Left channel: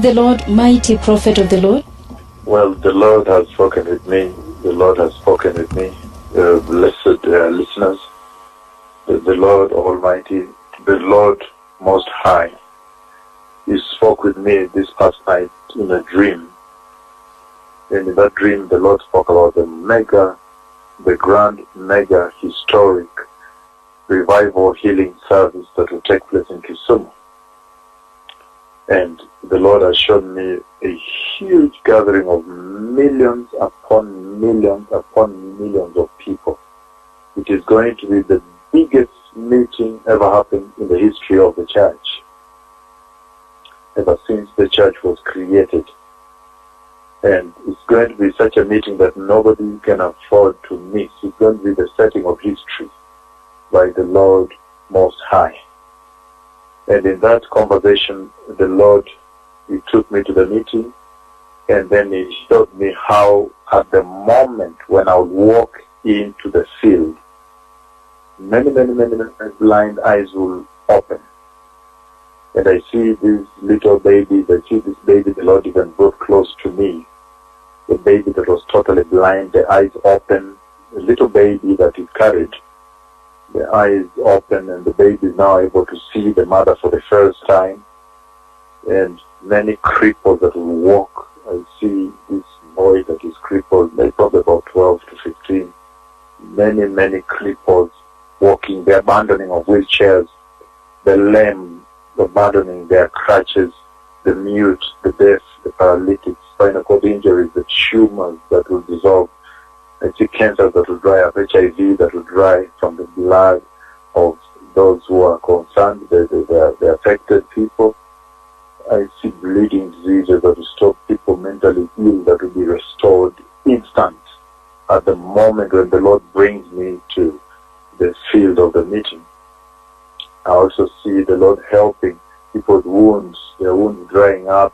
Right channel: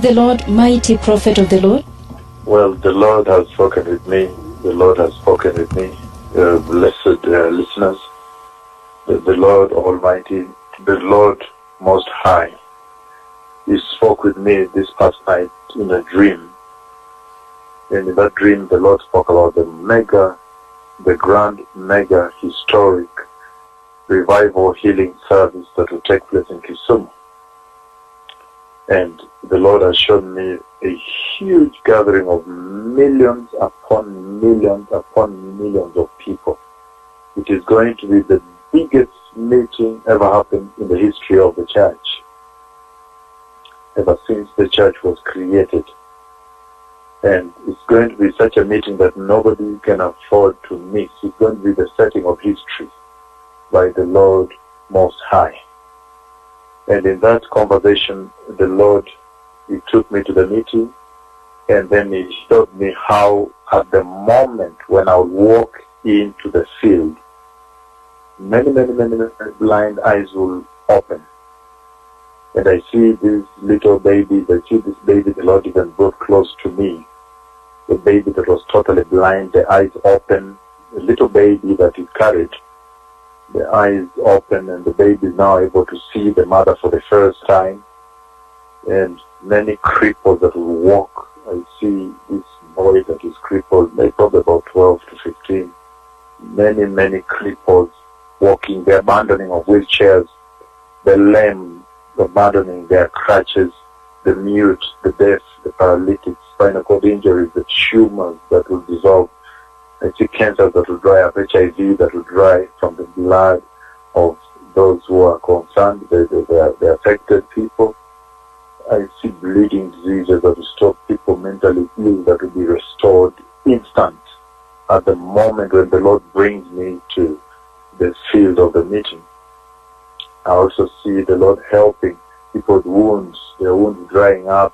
is the Lord, mighty prophet of the Lord? Well, the Lord has spoken with me. The Lord has spoken with me. Blessed listeners, the Lord Almighty, the Lord Most High, He spoke with me this past night in a dream. And in that dream, the Lord spoke about the grand mega historic revival healing service that will take place in Kisumu. And the Lord has shown me a huge gathering of millions upon millions upon millions of people. It is going to be the biggest meeting ever happened in the history of the church, ever since the church was created. And it's going to be such a meeting that nobody can afford to miss. It's going to be the setting of history by the Lord Most High. And in that conversation, the Lord, He took me to the meeting, and then He showed me how at the moment when I would walk into the field, many blind eyes will open. And I see these little babies, I see this baby the Lord even brought close to me, a baby that was totally blind, the eyes open, a little baby that He carried, the eyes open, and the baby is now able to see the mother for the first time. And many cripples that will walk. I see this boy that is crippled, maybe probably about 12 to 15. Many cripples walking, the abandoning of wheelchairs, the lame abandoning their crutches, the mute, the deaf, the paralytic, spinal cord injuries, the tumors that will dissolve. I see cancers that will dry up, HIV that will dry from the blood of those who are concerned, the affected people. I see bleeding diseases that will stop people mentally ill, that will be restored instant at the moment when the Lord brings me to the field of the meeting. I also see the Lord helping people's wounds, their wounds drying up.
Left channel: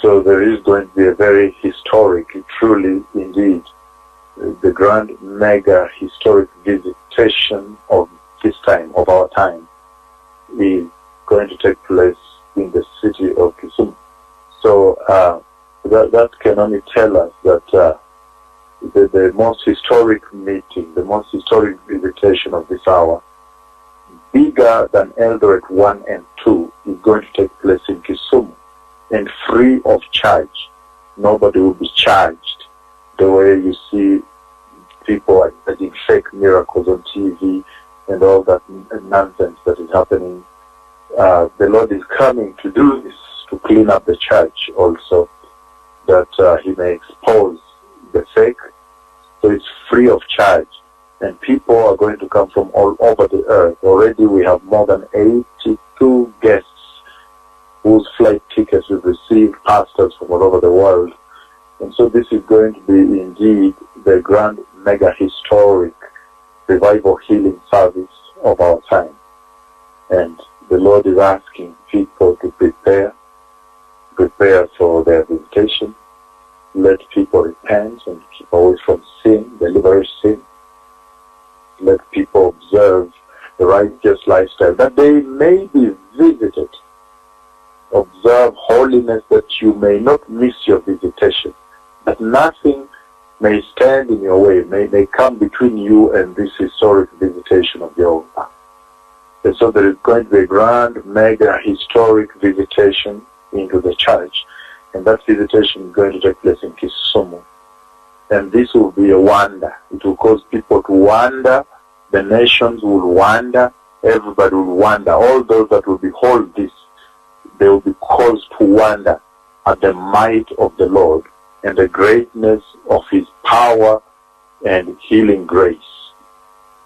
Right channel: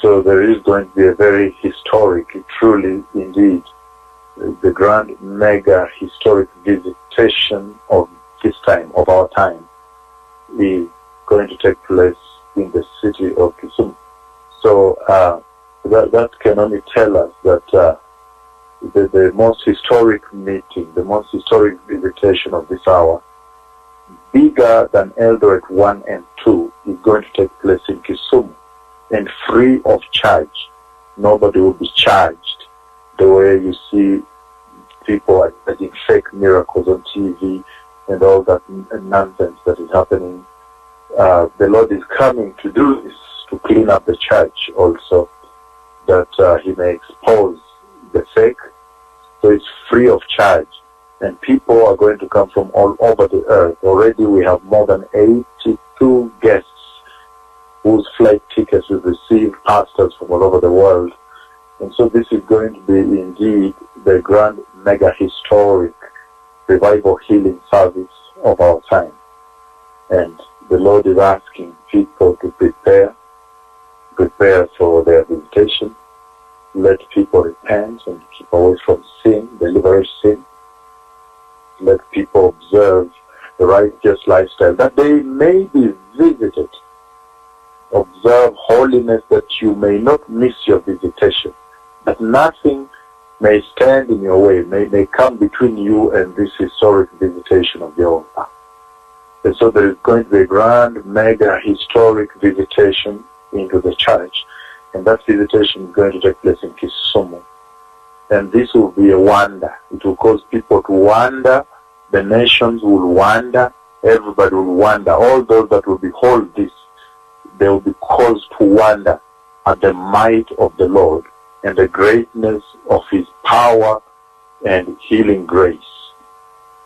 So there is going to be a very historic, truly indeed, the grand mega historic visitation of this time, of our time, is going to take place in the city of Kisumu. So that can only tell us that the most historic meeting, the most historic visitation of this hour, bigger than Eldoret 1 and 2, is going to take place in Kisumu, and free of charge. Nobody will be charged the way you see people are getting fake miracles on TV and all that nonsense that is happening. The Lord is coming to do this, to clean up the church also, that He may expose the fake. So it's free of charge. And people are going to come from all over the earth. Already we have more than 82 guests whose flight tickets we've received, pastors from all over the world. And so this is going to be indeed the grand mega historic revival healing service of our time. And the Lord is asking people to prepare for their visitation. Let people repent and keep away from sin, deliberate sin. Let people observe the righteous lifestyle, that they may be visited. Observe holiness, that you may not miss your visitation, that nothing may stand in your way, may come between you and this historic visitation of your own. And so there is going to be a grand, mega, historic visitation into the church. And that visitation is going to take place in Kisumu. And this will be a wonder. It will cause people to wonder. The nations will wonder. Everybody will wonder. All those that will behold this, they will be caused to wonder at the might of the Lord and the greatness of His power and healing grace.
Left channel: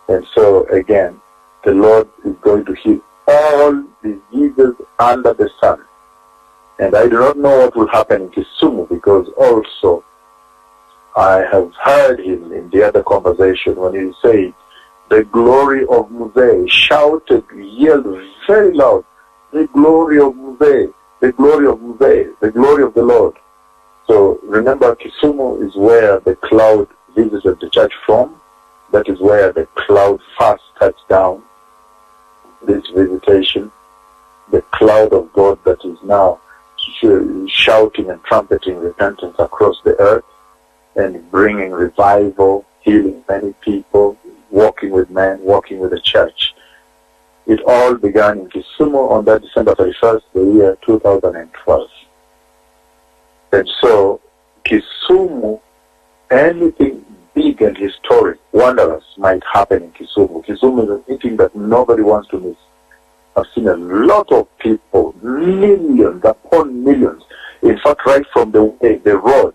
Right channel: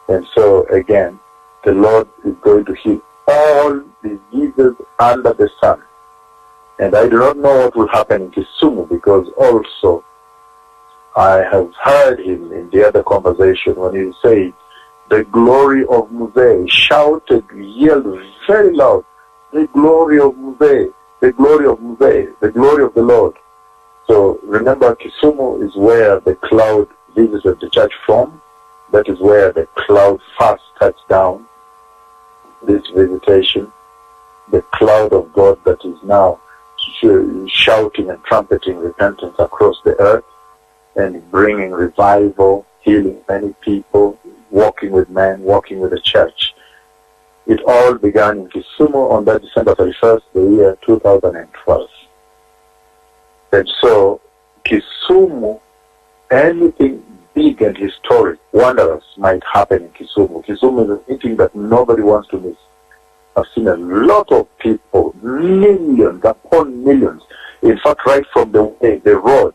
And so again, the Lord is going to heal all diseases under the sun. And I do not know what will happen in Kisumu, because also I have heard him in the other conversation when he said, the glory of Muse, shouted, yelled very loud, the glory of Muse, the glory of Muse, the glory of the Lord. So remember, Kisumu is where the cloud visited the church from. That is where the cloud first touched down, this visitation. the cloud of God that is now shouting and trumpeting repentance across the earth and bringing revival, healing many people, walking with men, walking with the church. It all began in Kisumu on that December 31st, the year 2012. And so, Kisumu, anything big and historic, wondrous might happen in Kisumu. Kisumu is a meeting that nobody wants to miss. I've seen a lot of people, millions upon millions. In fact, right from the road,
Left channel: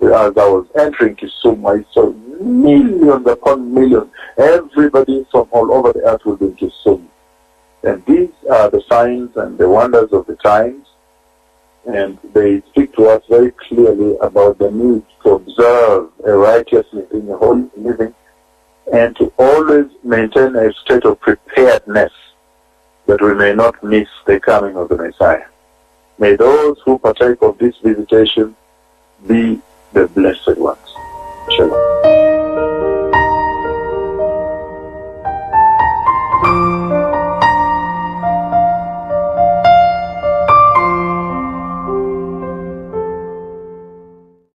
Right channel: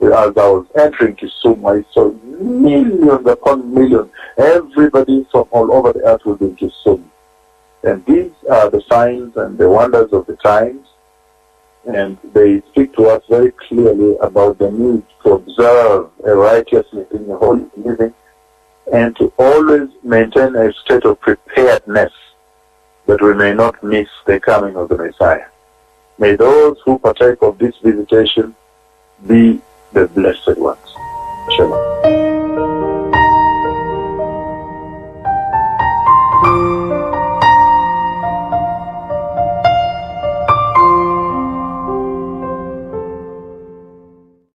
as I was entering Kisumu, I saw millions upon millions. Everybody from all over the earth will be in Kisumu. And these are the signs and the wonders of the times. And they speak to us very clearly about the need to observe a righteous living, a holy living, and to always maintain a state of preparedness that we may not miss the coming of the Messiah. May those who partake of this visitation be the blessed.